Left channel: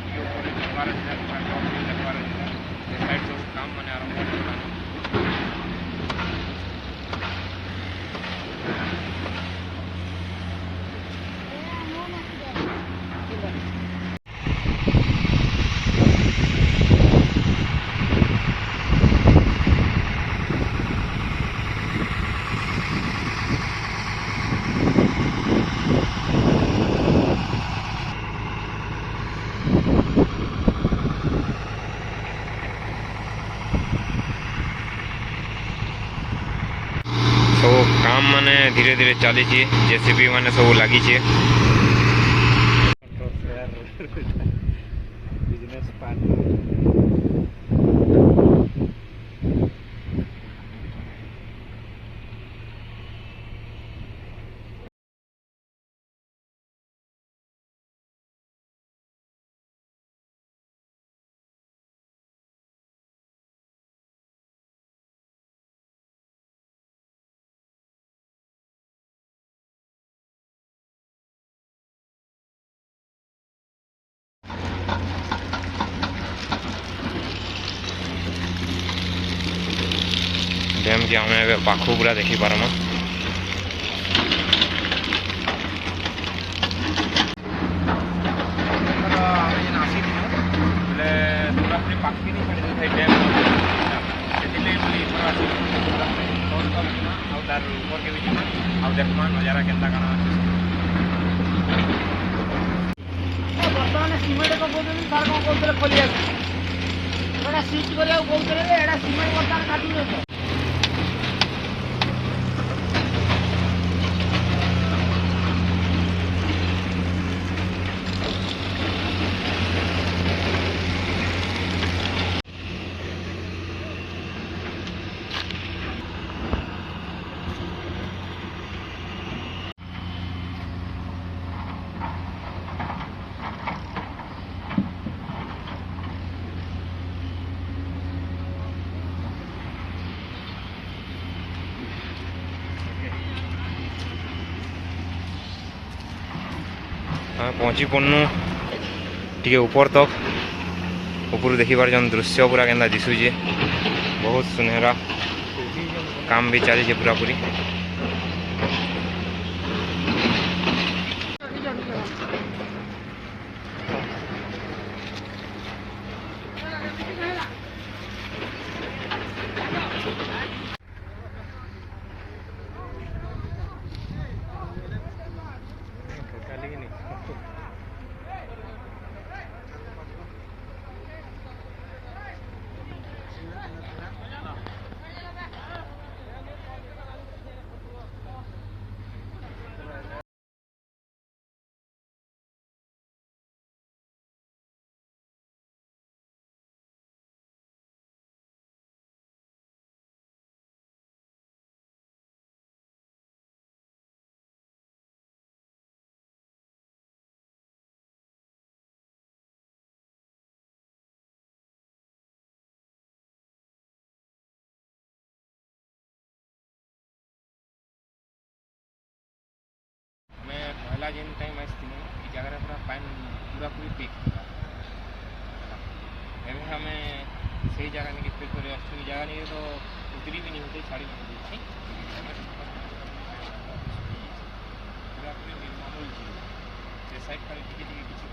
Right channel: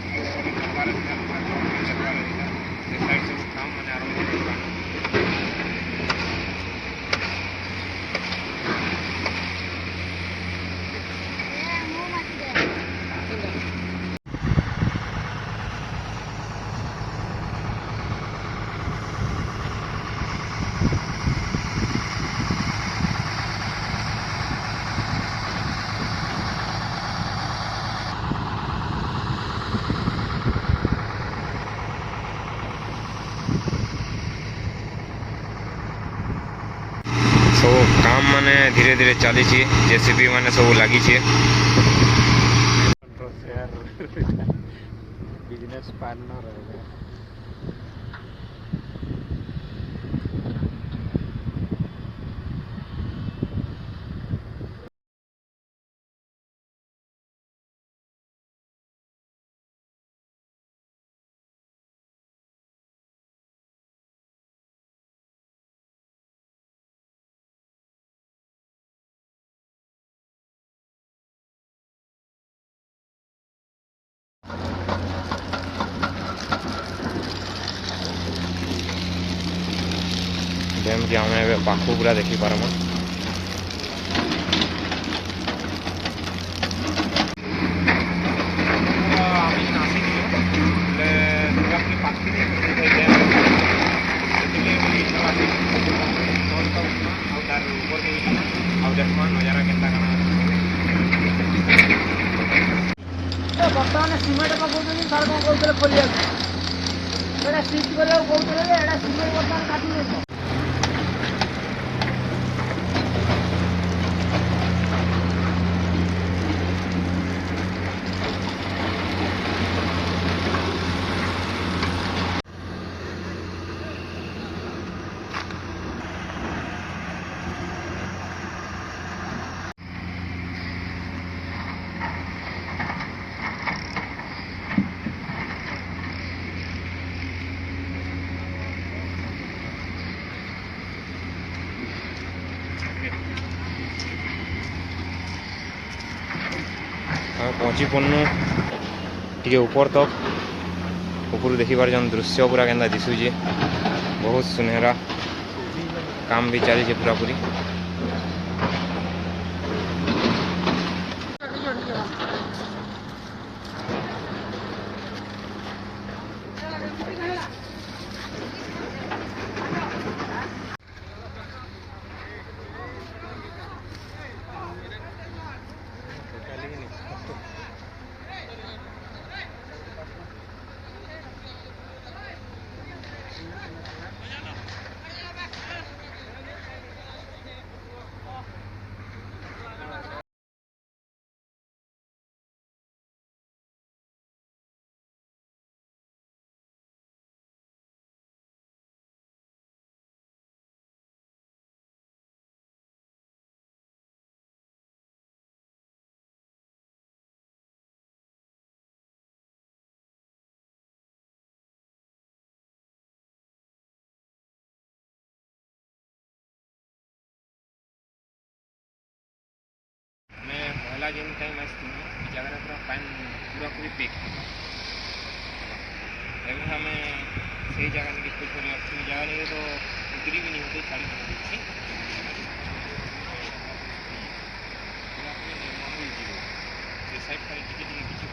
ଟିକେ ଉପରେ ନେବାର ଅଛି ପୁରା ଜବ୍ ବି ନେବାର ଅଛି ସେ ସାଇଡ୍ ସବୁ କାମ ମାନେ ଆରମ୍ଭ ହେଇଗଲା। सब काम माने धीरे धीरे चली जेसीबी माने सब लगी बिजनेस पार्टनर डैम के आम पाखु पूरा देखी पारमा देखमा नजारा केन्ता काना ବର୍ତ୍ତମାନ ସିମେଣ୍ଟ ପକାଉଛନ୍ତି ସରକାର କହୁଥିଲେ ଖୋଲିବାକୁ ଏଇଟା ସିଟ୍ କରିବାକୁ କହୁଥିଲେ ଯେ ଏଇଟା ସିମେଣ୍ଟ ବର୍ତ୍ତମାନ କାଟୁଛନ୍ତି। ଆମେ ପହଞ୍ଚି ପଡ଼ନୁ ଟିକେ ଉପର ତକ ଉପରୁ ଦେଖିବାର ଯେନ୍ ଦୃଶ୍ୟ ପୁରା କେନ୍ତା ଦିଶୁଛେ ବହୁତ ସୁନେହରା କାମ ବି ଚାଲିଛେ ପୁରାପୁରି। पहला जेन टाइम आसथिनु ई जगह पूरा पानी पूरा पूरी पेक एवं हमें सही जगह नहीं कुछ नहीं अच्छी जगह नहीं तो उतरी भी नहीं होती छाड़ी नहीं होती पूरा पूरी मामूल जीरो से साइड खाली टिके टिके किसी